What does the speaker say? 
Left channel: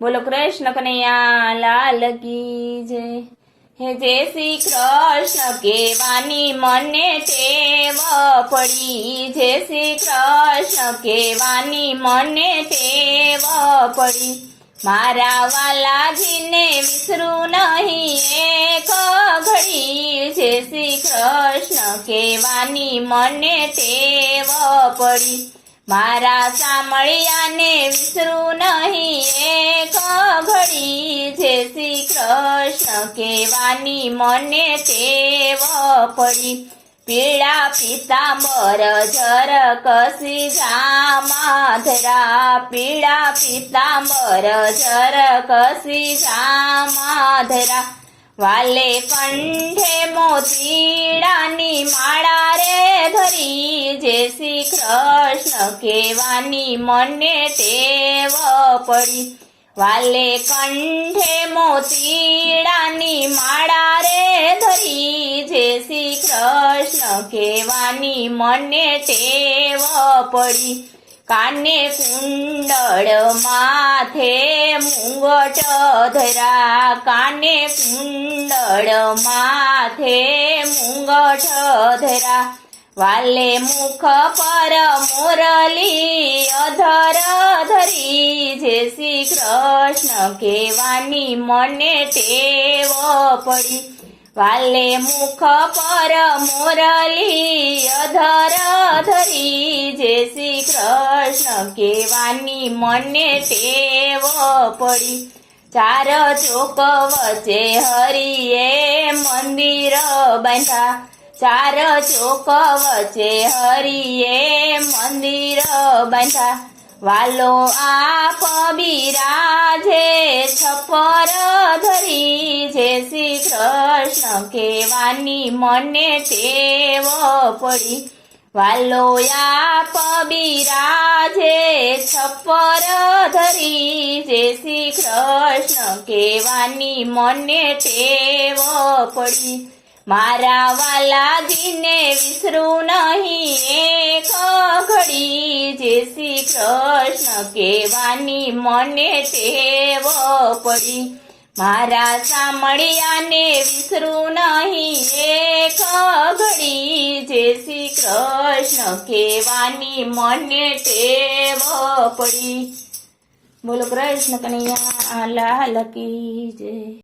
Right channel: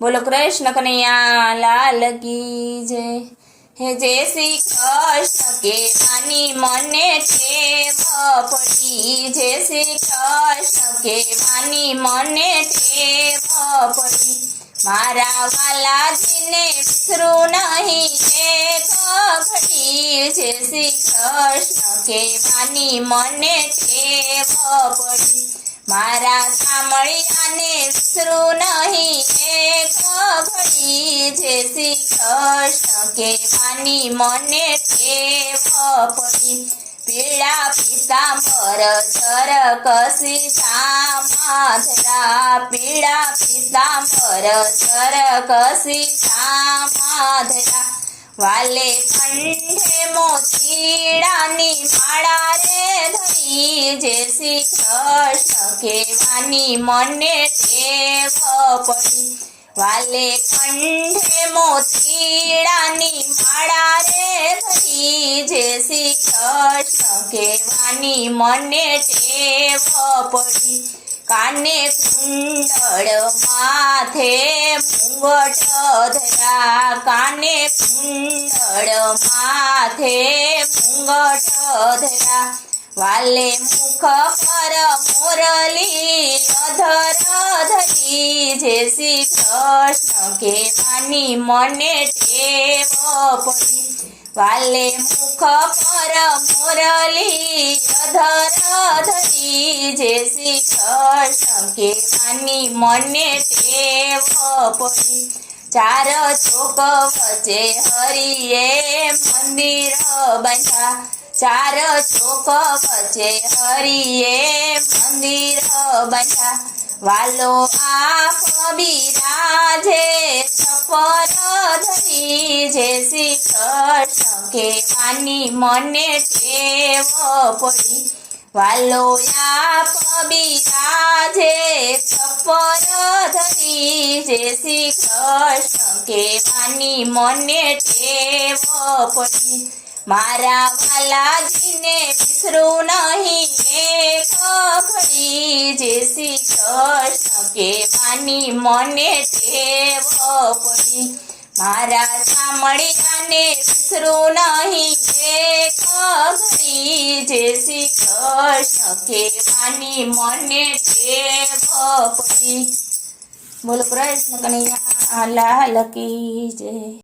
બોલો કૃષ્ણ કનૈયા લાલ કી જય હે જય શ્રી કૃષ્ણ કેવાની મને ટેવ પડી. જય શ્રી કૃષ્ણ કેવાની મને ટેવ પડી. મારા વાલાજીને વિસરું નહીં એક ઘડી. જય શ્રી કૃષ્ણ કેવાની મને ટેવ પડી. મારા સામળિયાને વિસરું નહીં, એક ઘડી જે શ્રી કૃષ્ણ કહેવાની મને તેવ પડી. પીળા પીતાંબર જર કસી જામાધરા પીળા પીતાંબર જર કસી જામાધરા વાલે કંઠે મોતીડાની માળા રે ધરી જે શ્રી કૃષ્ણ કેવાની મને ટેવ પડી. વાલે કંઠે મોતીડાની માળા રે ધરી. જે શ્રી કૃષ્ણ કહેવાની મને ટેવ પડી. કાને કુંડળ માથે મુંગટ ધરા. કાને કુંડળ માથે મુંગટ ધરા. વાલે મુખ પર મોરલી, અધર ધરી, જે શ્રી કૃષ્ણ કેવાની મને ટેવ પડી. વાલે મુખ પર મોરલી, અધર ધરી, જે શ્રી કૃષ્ણ કેવાની મને ટેવ પડી. ચાર ચોક વચ્ચે હરિએ મંદિર બાંધા ચાર ચોક વચ્ચે હરિએ મંદિર બાંધા વાલો આપ બિરાજે, છપર ધરી. જે શ્રી કૃષ્ણ કેવાની મને ટેવ પડી. વાલો આપ બિરાજે, છપર ધરી. જે શ્રી કૃષ્ણ કેવાની મને ટેવ પડી. મારા વાલાજીને વિસરું નહીં. એક ઘડી જે શ્રી કૃષ્ણ કેવાની મને ટેવ પડી. મારા સામળિયાને વિસરું નહીં. એક ઘડી જે શ્રી કૃષ્ણ કેવાની મને ટેવ પડી. બોલો કૃષ્ણ કનૈયા લાલ કી જય.